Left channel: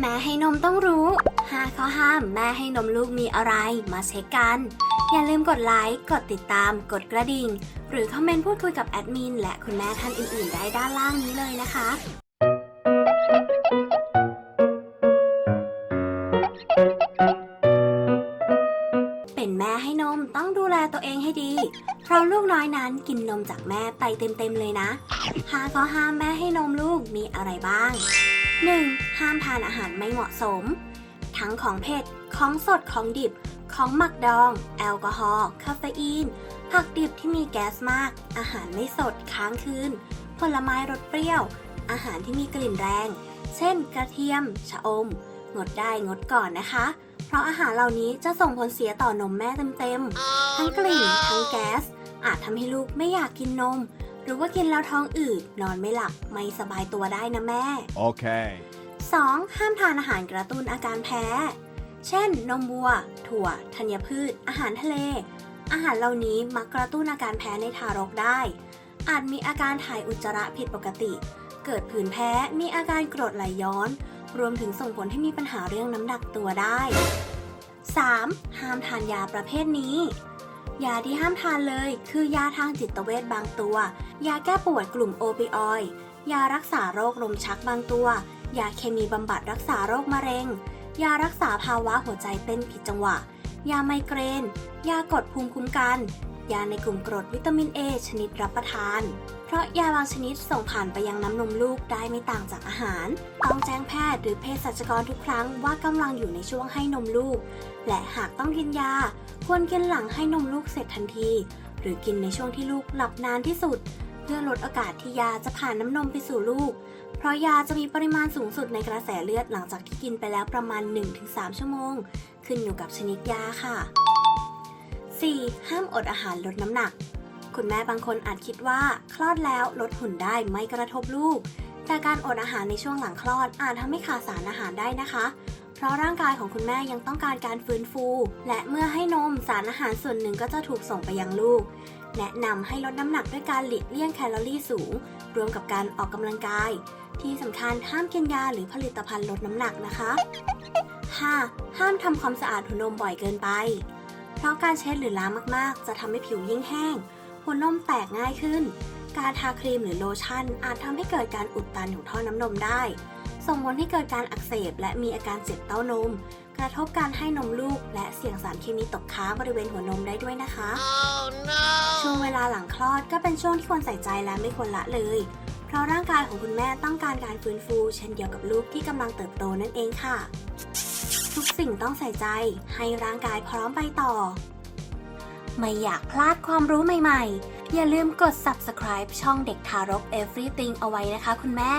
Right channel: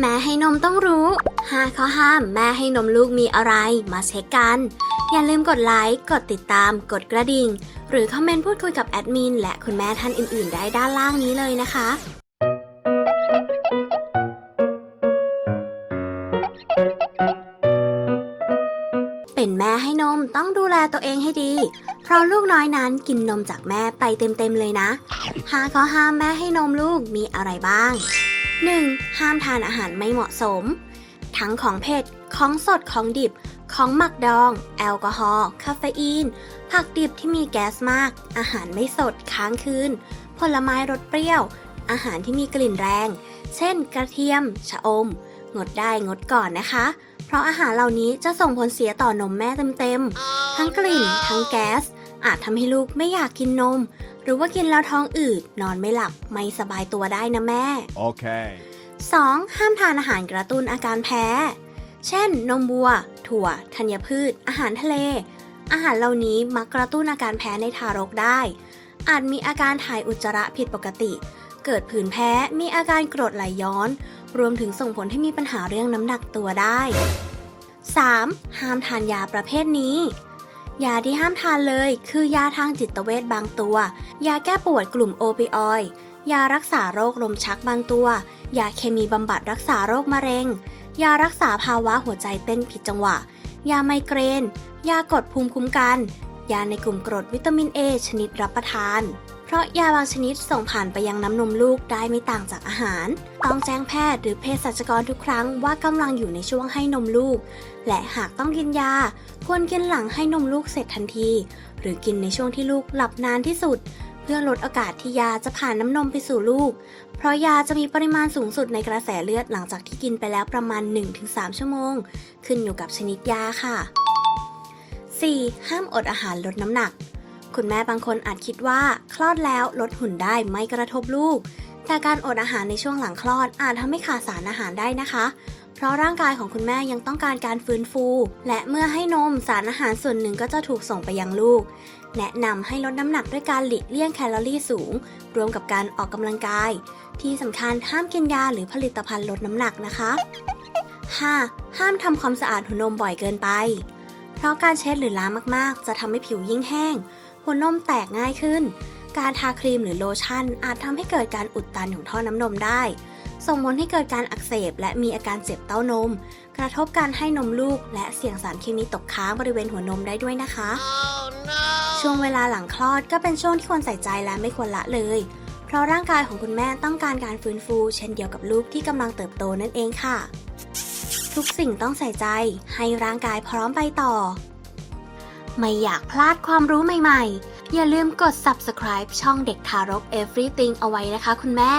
แม่ให้นมต้องรู้ 5 ข้อห้ามแม่ให้นมลูกมีอะไรมาเช็คกัน อย่าลืมกดไลค์ กดติดตาม กดกระดิ่ง หรือคอมเมนต์พูดคุยกับแอดมินและคุณแม่ท่านอื่นๆ ได้ด้านล่างนี้เลยนะคะ เป็นแม่ให้นมต้องดูแลตัวเองให้ดี เพราะลูกน้อยนั้นกินนมจากแม่ไปเต็มๆเลยนะ หาข้อห้ามแม่ให้นมลูกมีอะไรบ้าง 1. ห้ามทานอาหารไม่เหมาะสม ทั้งของเผ็ด ของสด ของดิบ ของหมักดอง แอลกอฮอล์ คาเฟอีน ผักดิบที่มีแก๊สมาก อาหารไม่สด ค้างคืน ผลไม้รสเปรี้ยว อาหารที่มีกลิ่นแรง เช่น กระเทียม ชะอม งดได้งดก่อนนะคะ เพราะอาหารเหล่านี้จะส่งผลเสียต่อนมแม่เต็มๆ ทั้งกลิ่น ทั้งแก๊ส อาจทำให้ลูกไม่อยากกินนม รือว่ากินแล้วท้องอืดนอนไม่หลับไม่สบายตัวได้นะแม่ Okay. 2. ห้ามทานอาหารกระตุ้นอาการแพ้ เช่น นมวัว ถั่ว ธัญพืช อาหารทะเล อาหารเหล่านี้มักกระตุ้นอาการแพ้ในทารกได้ อาจมีอาการถ่ายอุจจาระผิดปกติ เกิดผื่นแพ้ มีอาการกรดไหลย้อน รวมถึงส่งผลให้มีปัญหาเรื่องน้ำหนักตัวได้ 3. ห้ามทานยาประเภทนี้ ยาที่ห้ามทานเลยคือยาทางจิตเวชบางตัว ยาแก้ปวดกลุ่มโอปิออยด์ยารักษาโรคลมชักบางตัว ยาเคมีบำบัดรักษาโรคมะเร็ง ยารักษาภาวะหัวใจเต้นผิดจังหวะ ยาไมเกรน ยากดภูมิคุ้มกัน ยาในกลุ่มกรดวิตามินเอชนิดรับประทาน เพราะยาบางชนิดส่งผ่านไปยังน้ำนมลูกได้ไม่ต่างจากอาหาร ต้องแจ้งแพทย์หรือเภสัชกรทุกครั้งว่ากำลังอยู่ในช่วงให้นมลูก และหากต้องกินยา ควรกินหลังให้นมลูกเสร็จทันที หรือกินในช่วงที่ลูกหลับนานที่สุด เพื่อลดโอกาสที่ยาจะผ่านน้ำนมไปสู่ลูก เพราะยาจะมีปริมาณสูงสุดในกระแสเลือดหลังจากที่กินไปแล้วประมาณ 1-3 ชั่วโมง ขึ้นอยู่กับชนิดยาค่ะ 4. ห้ามอดอาหารลดน้ำหนัก คุณแม่บางคนอาจคิดว่าคลอดแล้วลดหุ่นได้ไม่กระทบลูก แต่การอดอาหารในช่วงหลังคลอดอาจทำให้ขาดสารอาหารได้นะคะ เพราะร่างกายของคุณแม่ยังต้องการการฟื้นฟู และเมื่อให้นมสารอาหารส่วนหนึ่งก็จะถูกส่งไปยังลูก แนะนำให้ลดน้ำหนักด้วยการหลีกเลี่ยงแคลอรี่สูง รวมกับการออกกำลังกาย ที่สำคัญห้ามกินยาหรือผลิตภัณฑ์ลดน้ำหนักนะคะ 5. ห้ามทำความสะอาดหัวนมบ่อยเกินไป เพราะการเช็ดหรือล้างมากๆ จะทำให้ผิวยิ่งแห้ง หัวนมแตกง่ายขึ้น การทาครีมหรือโลชั่น อาจทำให้เกิดการอุดตันของท่อน้ำนมได้ ส่งผลให้เกิดการอักเสบและมีอาการเจ็บเต้านม กระทบการให้นมลูก และเสี่ยงสารเคมีตกค้างบริเวณหัวนมได้ด้วยนะคะ Oh no. ช่วงเวลาหลังคลอดก็เป็นช่วงที่ควรใส่ใจและไม่ควรละเลย เพราะร่างกายของคุณแม่ต้องการการฟื้นฟู เช่นเดียวกับลูกที่กำลังเติบโตนั่นเองค่ะ ทุกสิ่งต้องใส่ใจ ให้ร่างกายพร้อมไปต่อ ไม่อยากพลาดความรู้ใหม่ๆ อย่าลืมกด subscribe ช่องเด็กทารก Everything เอาไว้นะคะคุณแม่